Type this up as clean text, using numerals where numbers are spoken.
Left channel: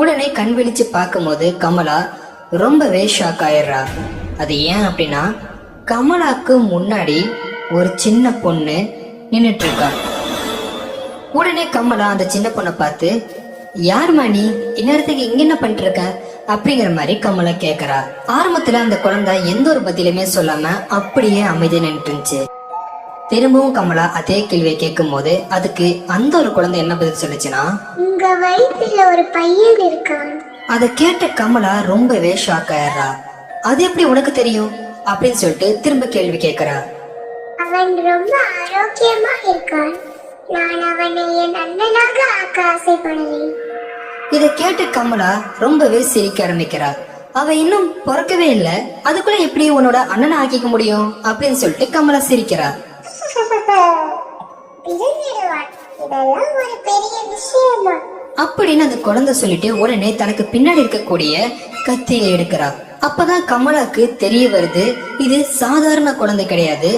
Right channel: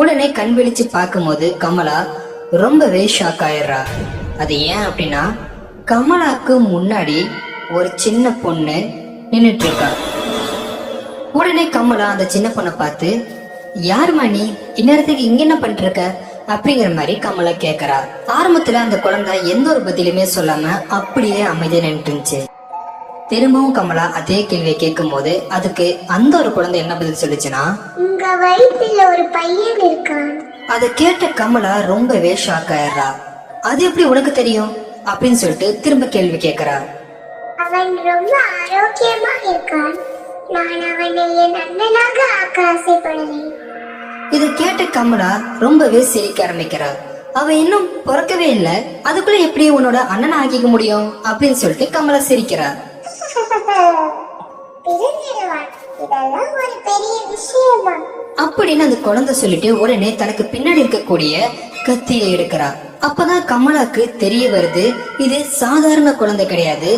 உடனே கண் விழிச்சு பார்க்கும்போது கமலா ரொம்பவே ஷாக் ஆயிடுறா. அது ஏன் அப்படின்னா கமலாக்கு முன்னாடி ஒரு சின்ன பொண்ணு நின்னுட்டு இருக்கா. உடனே கமலா அந்த சின்ன பொண்ணை பார்த்து, யாருமா நீ, இந்நேரத்துக்கு இங்க என்ன பண்ணிட்டு இருக்க அப்படிங்கிற மாதிரி கமலா கேக்குறா. ஆரம்பத்துல அந்த குழந்தை எந்த ஒரு பதிலுமே சொல்லாம அப்படியே அமைதியா நின்று இருந்துச்சு. திரும்பவும் கமலா அதே கேள்வியை கேட்கும் போது அதுக்கு அந்த ஒரு குழந்தை என்ன பதில் சொல்லுச்சுன்னா, உங்க வயிற்றுல ஒரு பையன் இருக்கான். அதை கேட்ட கமலா ரொம்பவே ஷாக் ஆயிடுறா. அது எப்படி உனக்கு தெரியும் அப்படின்னு சொல்லிட்டு திரும்ப கேள்வி கேக்குறா. அவன் ரொம்ப ஆரோக்கியமா இருக்கான். நான் அவனை என் அண்ணனாக ஆக்க ஆசைப்படுறேன். இதை கேட்ட கமலா ரொம்பவே சிரிக்க ஆரம்பிக்கிறா. அவ இன்னும் பிறக்கவே இல்ல, அதுக்குள்ள எப்படி உன்னோட அண்ணனை ஆக்கிக்க முடியும் அப்படின்னு சொல்லிட்டு கமலா சிரிக்கிறா. பிறந்திடுவான். இதெல்லாம் ஒரு பெரிய விஷயமா அப்படின்னு அந்த குழந்தை சொல்லிட்டு உடனே தனக்கு பின்னாடி இருக்கக்கூடிய கத்தியை எடுக்கிறா. அப்பதான் கமலாக்கு தெரிய வருது, இது சாதாரண குழந்தை கிடையாது,